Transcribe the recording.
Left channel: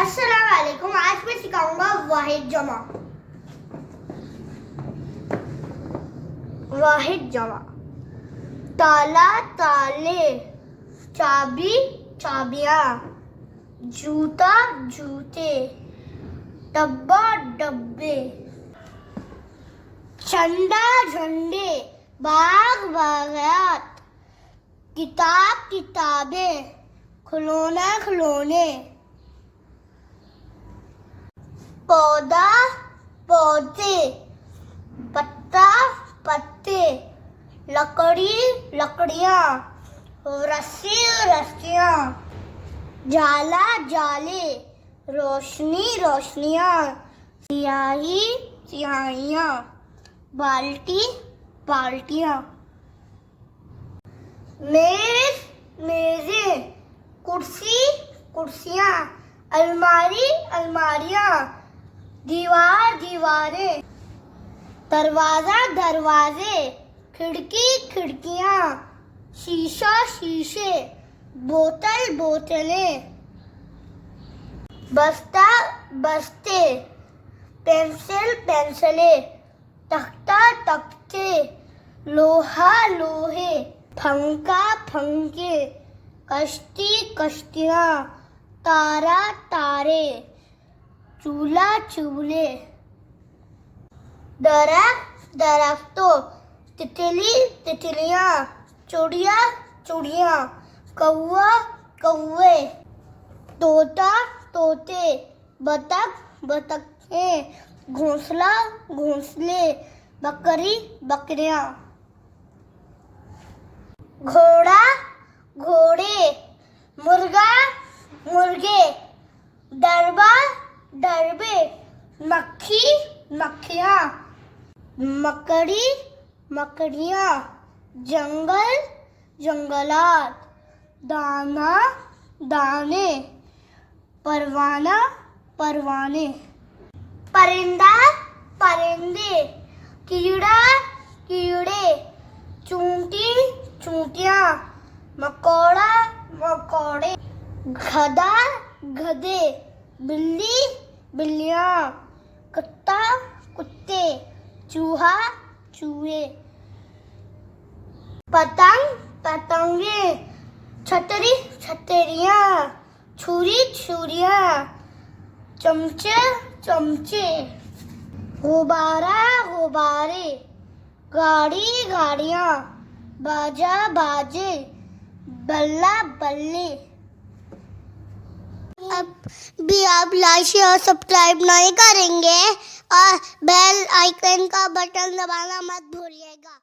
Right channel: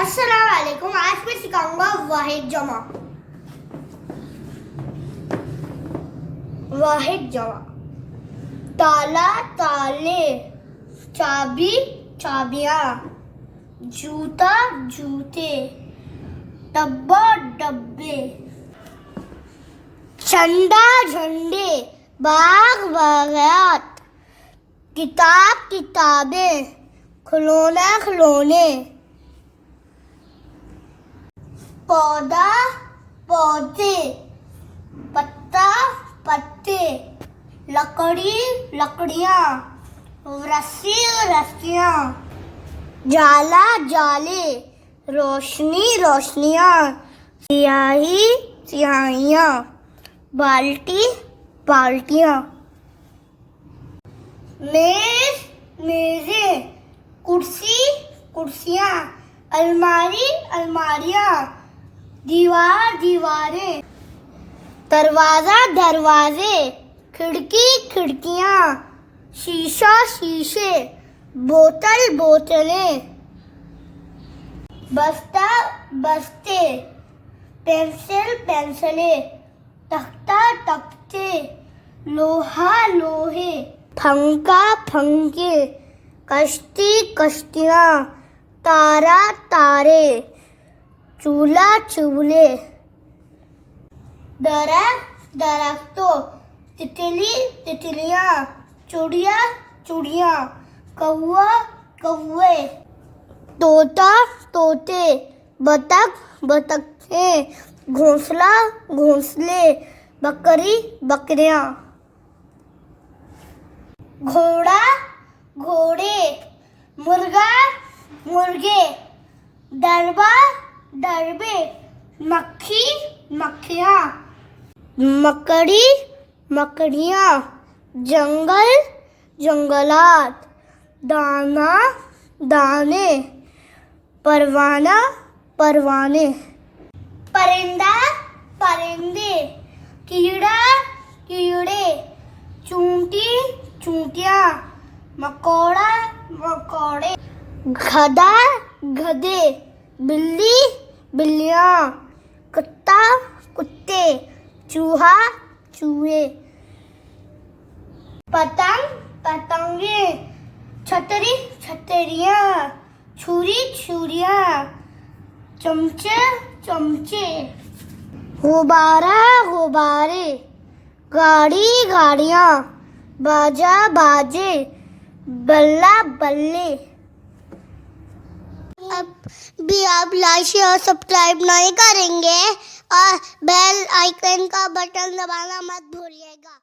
अस्सलाम वालेकुम। आज मैं सिखाऊंगा वाहिद जमा। वाहिद जमा। ताला ताले, चाबी चाबियां, जूता जूते, डब्बा डब्बे, झंडा झंडे, बाग बागात, किताब किताबें, खिलौना खिलौने, पौधा पौधे, पत्ता पत्ते, लकड़ी लकड़ियां, रस्सी रस्सियां, जाला जाले, रोशनी रोशनियां, स्याही स्याहियां, बाल्टी बाल्टियां, मेज मेजें, कुर्सी कुर्सियां, अलमारी अलमारियां, दीवार दीवारें, दरवाजा दरवाजे, खिड़की खिड़कियां, शीशा शीशे, बोतल बोतलें, बस्ता बस्ते, पेंसिल पेंसिलें, तख्ता तख्ते, लोहा लोहे, पंखा पंखे, कश्ती कश्तियां, तारा तारे, चूल्हा चूल्हे, दरख्त दरख्तों, तितली तितलियां, चुड़िया चुड़िया, कौवा कौवे, तोता तोते, बतख बतखें, घोंसला घोंसले, बकरी बकरियां, घोड़ा घोड़े, मुर्गा मुर्गे, दरबा दरबे, मक्खी मक्खियां, मकड़ी मकड़ियां, जंगल जंगलात, दाना दाने, परवाना परवाने, परिंदा परिंदे, कीड़ा कीड़े, चूंटी चूंटियां, मकोड़ा मकोड़े, गधा गधे, बिल्ली बिल्लियां, कुत्ता कुत्ते, चूहा चूहे, पतंग पतंगे, छतरी छतरियां, छुरी छुरियां, चमचे चमचे, गुब्बारा गुब्बारे, गाड़ी गाड़ियां, बाजा बाजे, बल्ला बल्ले। अब भी आप लाइक शेयर सब्सक्राइब नहीं करेंगे और बेल आइकन का बटन दबाना मत भूलिएगा।